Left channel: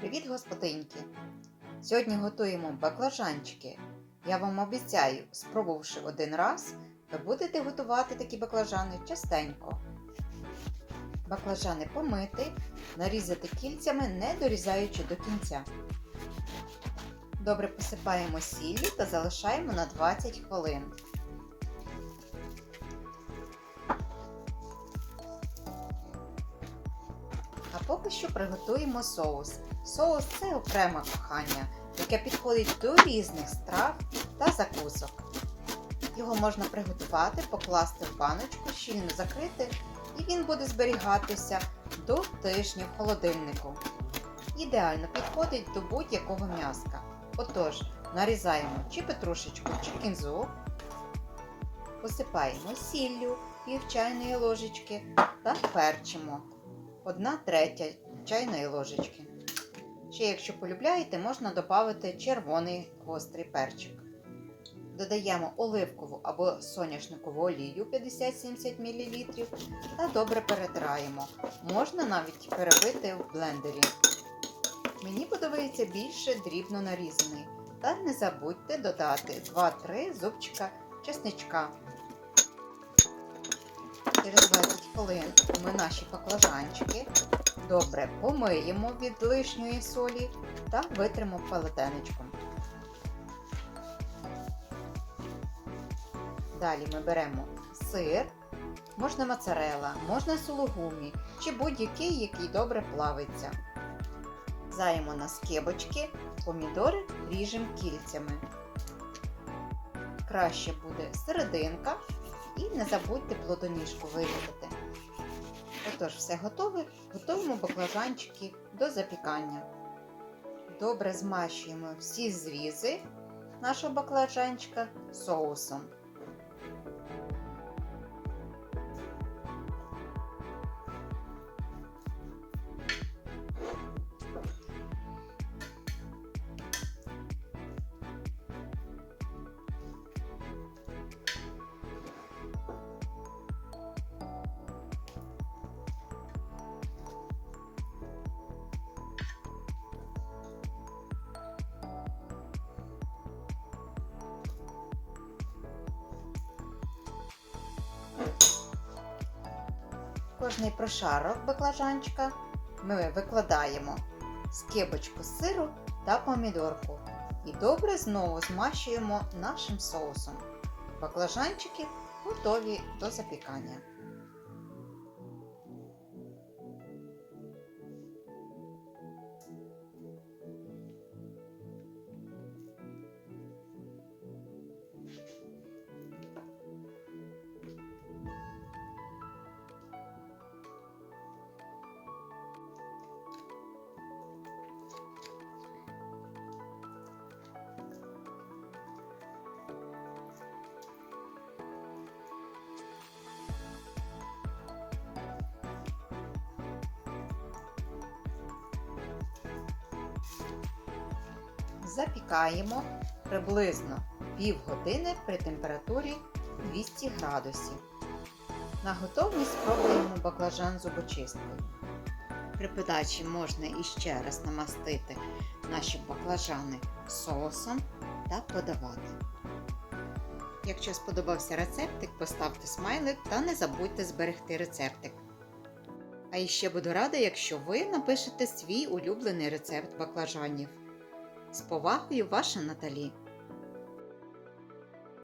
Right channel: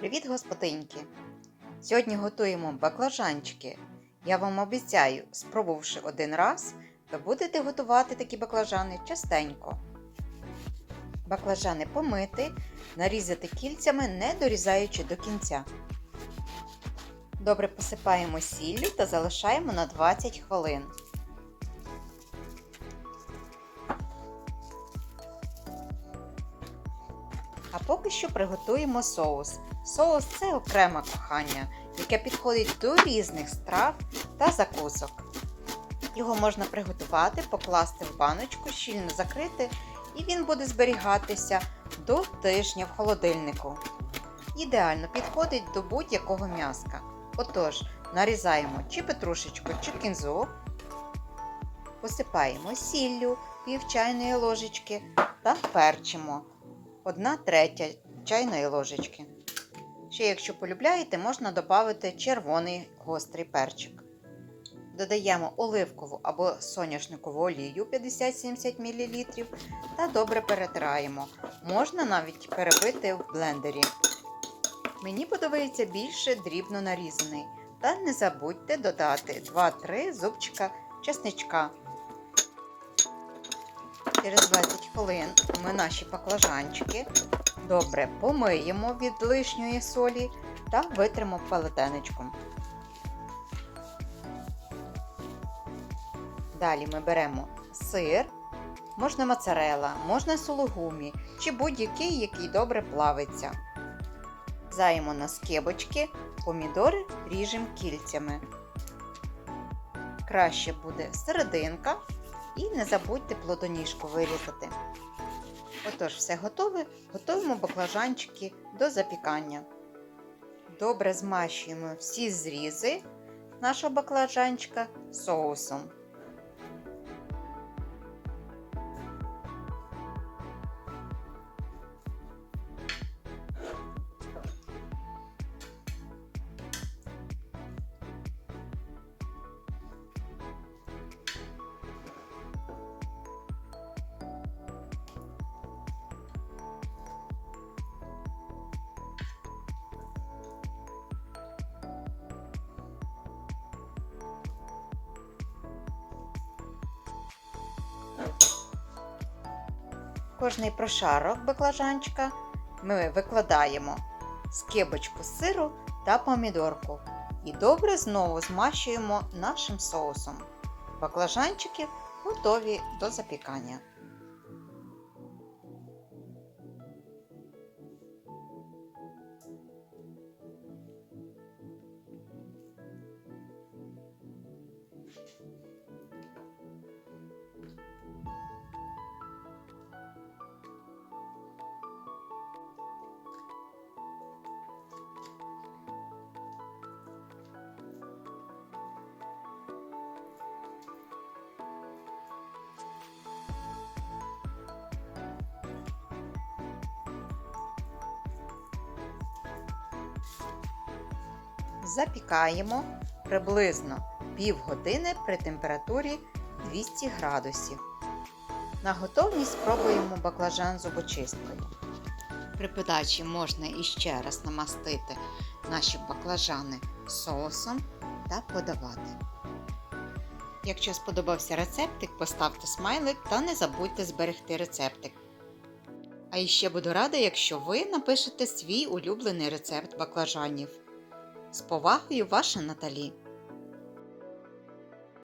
Привіт, господинки! Сьогодні готуємо баклажанчики. Я вам обіцяю, спробувавши один раз, ви будете готувати такі баклажани частенько. Баклажани помити, нарізати кільцями, не дорізаючи до кінця. Добре посипаємо сіллю та залишаємо на 20 хвилин. А поки що приготуємо соус. Соус це окреме кохання, яке підходить до різних страв та закусок. Його можна приготувати, покласти в баночку, щільно закрити, і він буде зберігатися до тижня в холодильнику. Ідеально підходить до будь-якого м'яска. Отож, нарізаємо чи петрушечку, чи кінзу, посипаємо сіллю пів чайної ложечки та перчимо 1 третя чайної ложечки. Ще, якщо полюбляєте, можна додати червоний гострий перчик. Додаємо оливкову або соняшникову олію 50-70 мл та добре перетираємо. Можна навіть перебити в блендері. Мені подобається більше дрібно нарізаний. Та не забудьте додати 2-3 зубчика чесничка. Через 20 хвилин ми наші баклажанчики добре помиємо від лишньої солі та витримо палетенечком. Далі ми беремо сир, можна моцарела, можна сулугумі чи будь-який, який добре плавиться. Заємо на скибочки, помідори ріжемо кільцями. Краще буде серединка і не забудьте плодоніжку вирізати. Отож, все готове, готуємо баклажанчики до запікання. Добре змащуємо всі зрізи нашого баклажанчика соусом. Кожний прошарок баклажанчика ми викладаємо скибочку сиру та помідорку і добре знову змащуємо нашим соусом. Баклажанчики готові до запікання. Запікаємо приблизно півгодини при температурі 200 градусів. На готовність спробуємо баклажан зубочисткою. При подачі можна іще раз намастити наші баклажани соусом та подавати. Якщо сподобався рецептик, поставте смайлик та не забудьте зберегти рецептик. А іще буду рада, якщо ви напишете свій улюблений рецепт баклажанів. З повагою, ваша Наталі.